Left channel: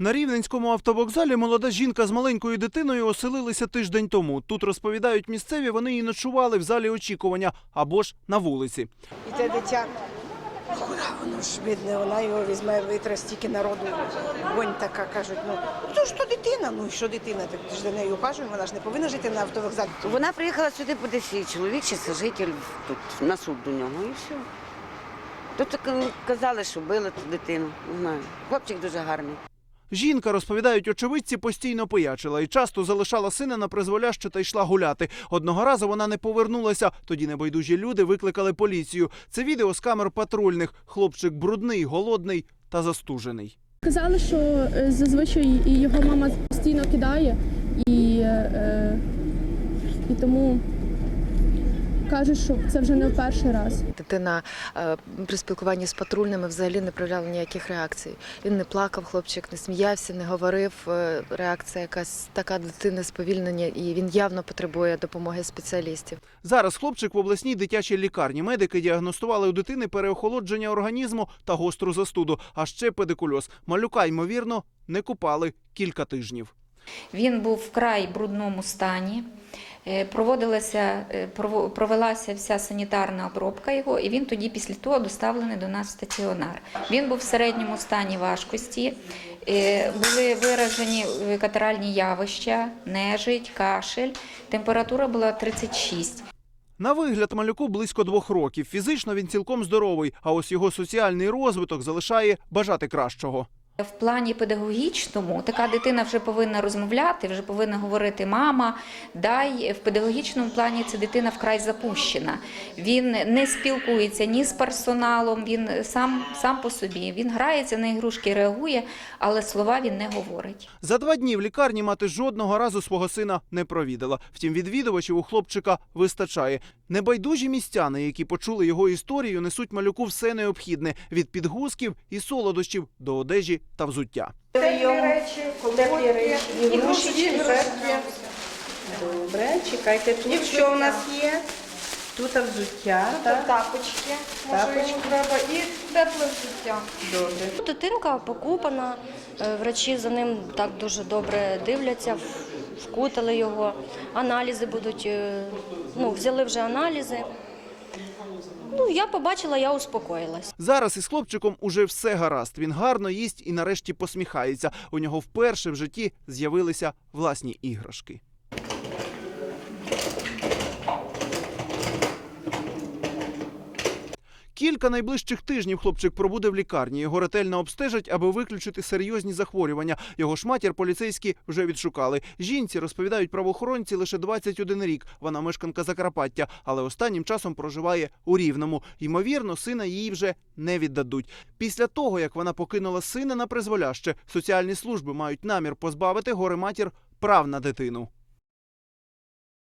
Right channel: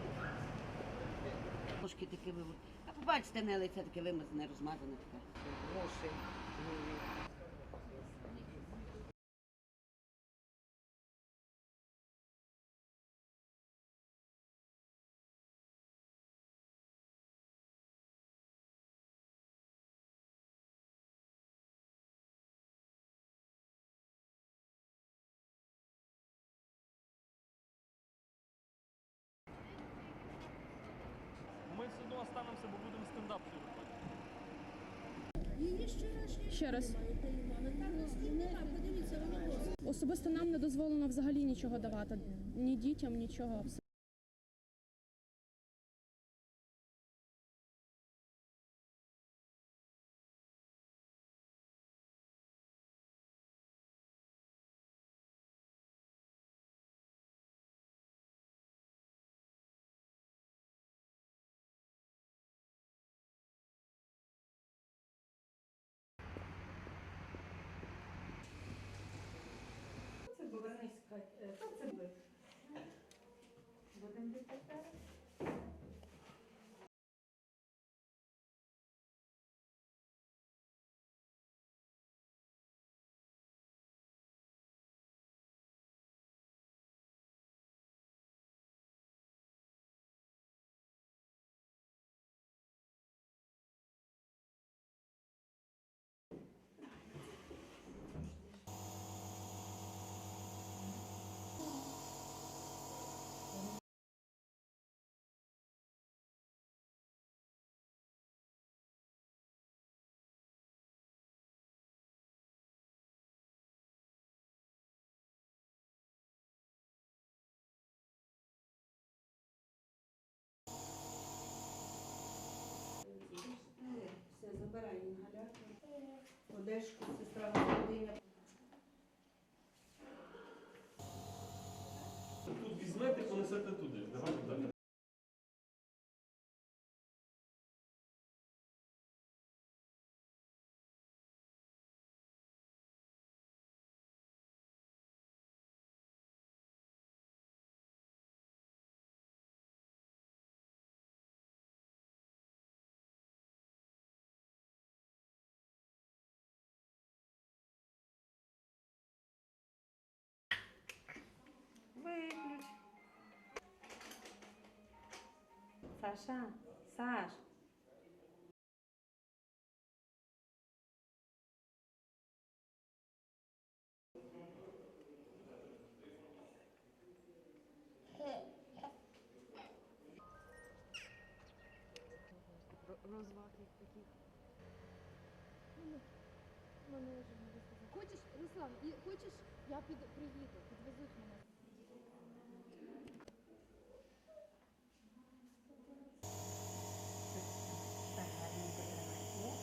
На рівненському автовокзалі молода жінка з маленькою дитиною оселилися тиждень тому. Тут розповідають місцеві, вони і ночували в залі очікування або ж на вулиці. І те дитя, куди воно ж бідне, вона його візьме, витре стільки народу. Гонь така, кажуть, ну, ну то ж то дитина, ну і що дитина, так ти ж за нею ухажуємо, вона ж не повинна жити на автовокзалі. Вона приїхала сюди по десі, чоловік чи сожитель тут на суд до нього і все. Тут казали, що били ту дитину. Не знаю. Хлопчик дуже гарний. Жінка, розповідають очевидці, постійно пиячила і часто залишала сина на призволяще та йшла гуляти. Одного разу вона не повернулася. Тоді небайдужі люди викликали поліцію. Це відео з камер патрульних. Хлопчик брудний, голодний та застужений. Казали, що е, зазвичай його мама постійно кидає, і, е, і тому кажуть, що це вже не в перший раз. Дитина е, при спілкуванні з патрульними взагалі не проявляла ніяких реакцій. Він не плакав, хлопчик не сміявся, не говорив. Е, Реакція якась така дитини сповільнення, і він явно потребує допомоги спеціалістів. Зараз хлопчик в обласній дитячій лікарні. Медики діагностували у дитини переохолодження організму та гостру застуду, а ще педикульоз. Малюка, ймовірно, не купали кілька тижнів. Він був вкрай брудному стані. Е, Проводилася, е, провелася вся санітарна обробка його, і він тоді після того доставлений до нас в стаціонар. Він був в середньому стані важкості, е, були виражені катаральні явища, нежить, кашель. Температура була 36. На вигляд малюку близько двох років. Фізично він цілком здоровий, а ось його соціальний розвиток залишає бажати кращого. В плані педагогічному така дитина вже повинна розмовляти, вже повинна говорити мама. Дай в педагогічному плані ця дитина вкрай запущена. Він не спілкується ні з персоналом, він сам, сам по собі. Він грається на ігрушки, реагує, але слова він не говорить. За два дні в лікарні мати жодного разу свого сина не провідала. Втім, відвідувачів у хлопчика вистачає. Небайдужі містяни, які почули його історію, несуть малюку все необхідне від підгузків і солодощів до одежі та взуття. Теплі речі, ігрушечки, іграшки. Добре, чекайте, тут що у нас є? Тут взуття, так? Тапочки, може йому треба, і тепле взуття. Добре. Дитинка покупана, е, врачі за ним так дуже добре дивляться, вкутали його, аналізи будуть, е, ну, взяли вже аналізи. Ну, я побачила, я успокоїлась. Зараз із хлопчиком уже все гаразд. Він гарно їсть і нарешті посміхається. У нього вперше в житті з'явилися власні іграшки. Кілька найближчих тижнів хлопчик пробуде в лікарні. Його ретельно обстежать, аби виключити серйозні захворювання. Його ж матір поліцейські вже відшукали. Жінці розповідають правоохоронці лише 21 рік. Вона мешканка Закарпаття, але останнім часом проживає у Рівному. Ймовірно, сина їй вже не віддадуть. Після того, як вона покинула сина на призволяще, соціальні служби мають намір позбавити горе матір прав на дитину.